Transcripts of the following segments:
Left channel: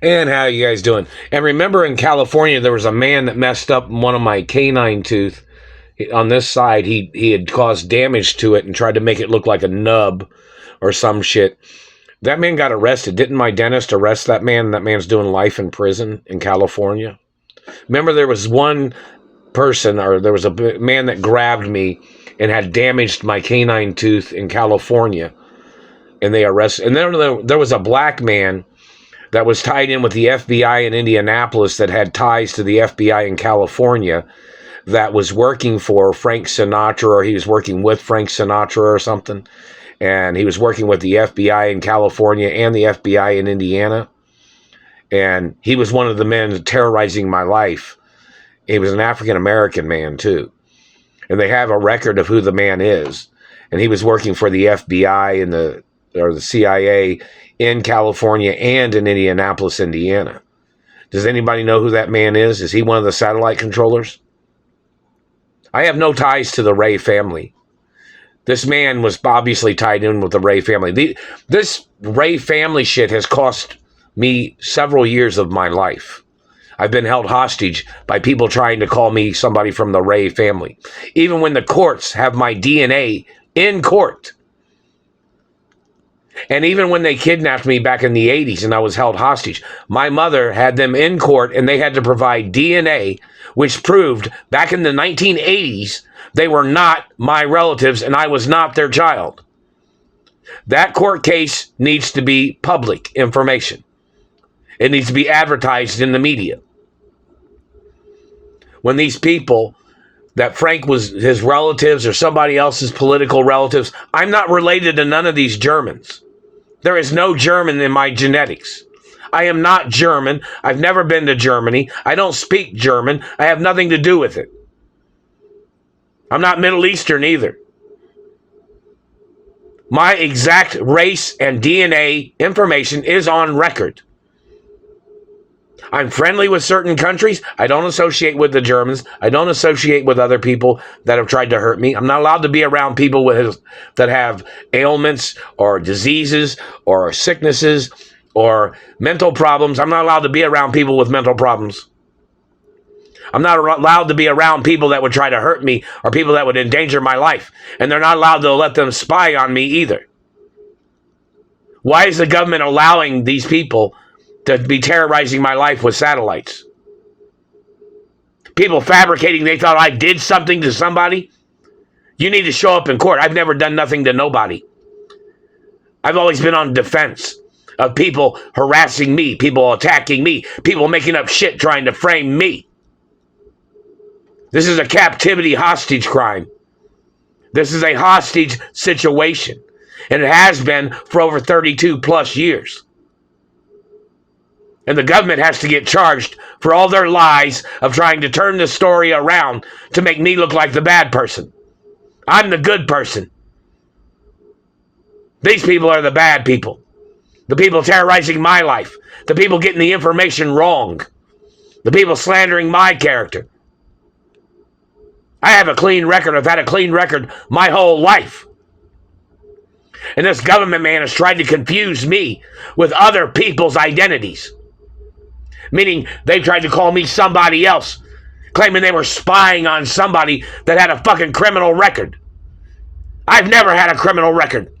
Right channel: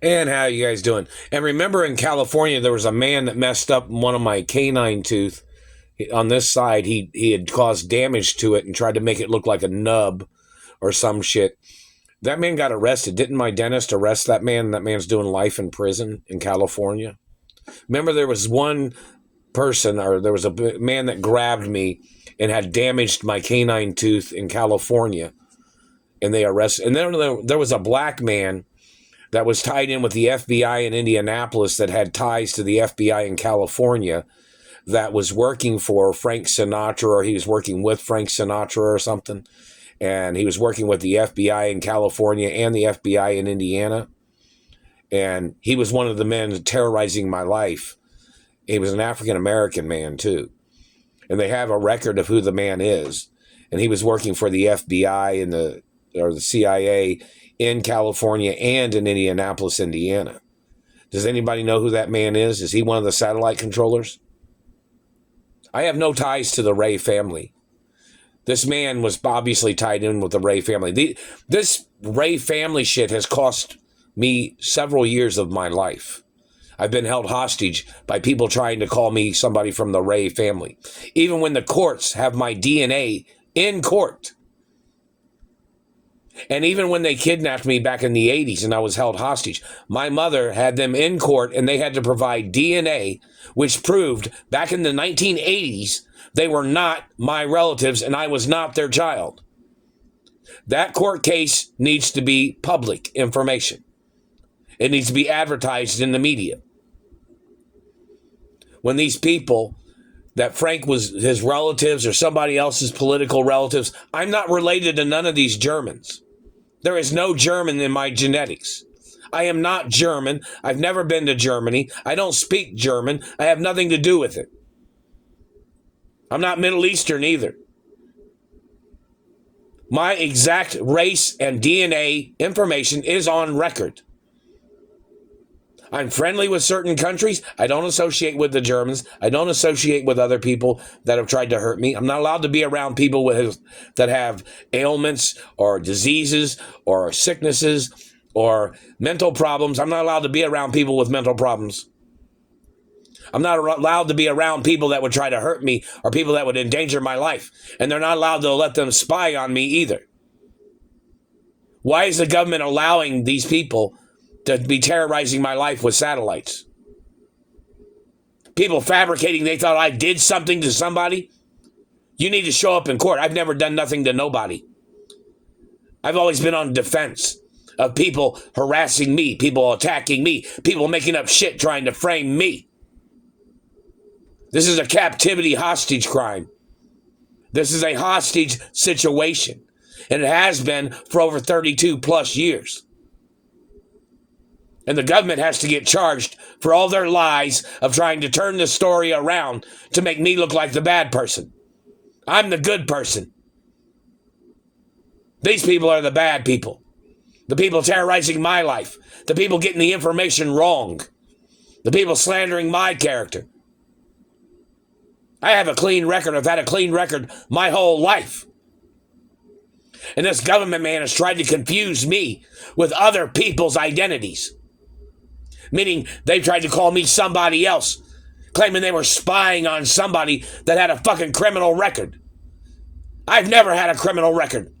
And how you guys doing? And remember in California, there was a man that messed up one of my canine tooth on this side. He had caused damage to it and tried to make it look like a nub or some shit. That man got arrested. Didn't my dentist arrest that man? That man's doing life in prison in California. Remember there was one person, or there was a man that grabbed me and had damaged my canine tooth in California, and they arrested. And then there was a black man that was tied in with the FBI in Indianapolis that had ties to the FBI in California that was working for Frank Sinatra, or he was working with Frank Sinatra or something. And he was working with the FBI in California and the FBI in Indiana. And he was one of the men terrorizing my life. He was an African-American man, too. And they have a record of who the man is. And he was working for the FBI and the CIA in California and in Indianapolis, Indiana. Does anybody know who that man is? Is he one of the satellite controllers? I have no ties to the Ray family. This man was obviously tied in with the Ray family. This Ray family shit has cost me several years of my life. I've been held hostage by people trying to call me somebody from the Ray family. Even when the courts have my DNA in court. And even when they kidnapped me back in the 80s and I was held hostage, my mother had them in court and they had to provide DNA, which proved back in the 1980s, they were not my relatives and I was not their child. That court case needs to be public information. It needs to be advertised in the media. When these people that Frank was his relatives or somebody else's political relatives, I'm not related to none of these Germans. There is no German in my genetics. I am not German. I've never been to Germany. I don't speak German. I have nothing to do with it. I'm not Middle Eastern either. My exact race and DNA information is on record. I'm friendly with certain countries. I don't associate with the Germans. I don't associate with other people that have tried to hurt me. I'm not allowed to be around people that have ailments or diseases or sicknesses or mental problems. I'm not allowed to be around people with mental problems. I'm not allowed to be around people that would try to hurt me or people that would endanger my life. And they're not allowed to let them spy on me either. Why is the government allowing these people to be terrorizing my life with satellites? People fabricating they thought I did something to somebody. You need to show up in court. I've never done nothing to nobody. I've always been on defense of people harassing me, people attacking me, people making up shit trying to frame me. This is a captivity hostage crime. This is a hostage situation. And it has been for over 32 plus years. And the government has to get charged for all their lies of trying to turn the story around to make me look like the bad person. I'm the good person. These people are the bad people. The people terrorizing my life. The people getting the information wrong. The people slandering my character. I have a clean record. I've had a clean record my whole life. And this government man has tried to confuse me with other people's identities. Meaning they've tried to call me somebody else, claiming they were spying on somebody that had a fucking criminal record. I've never had a criminal record.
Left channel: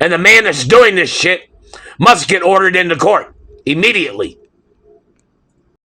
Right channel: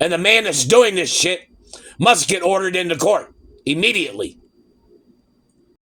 And the man that's doing this shit must get ordered into court immediately.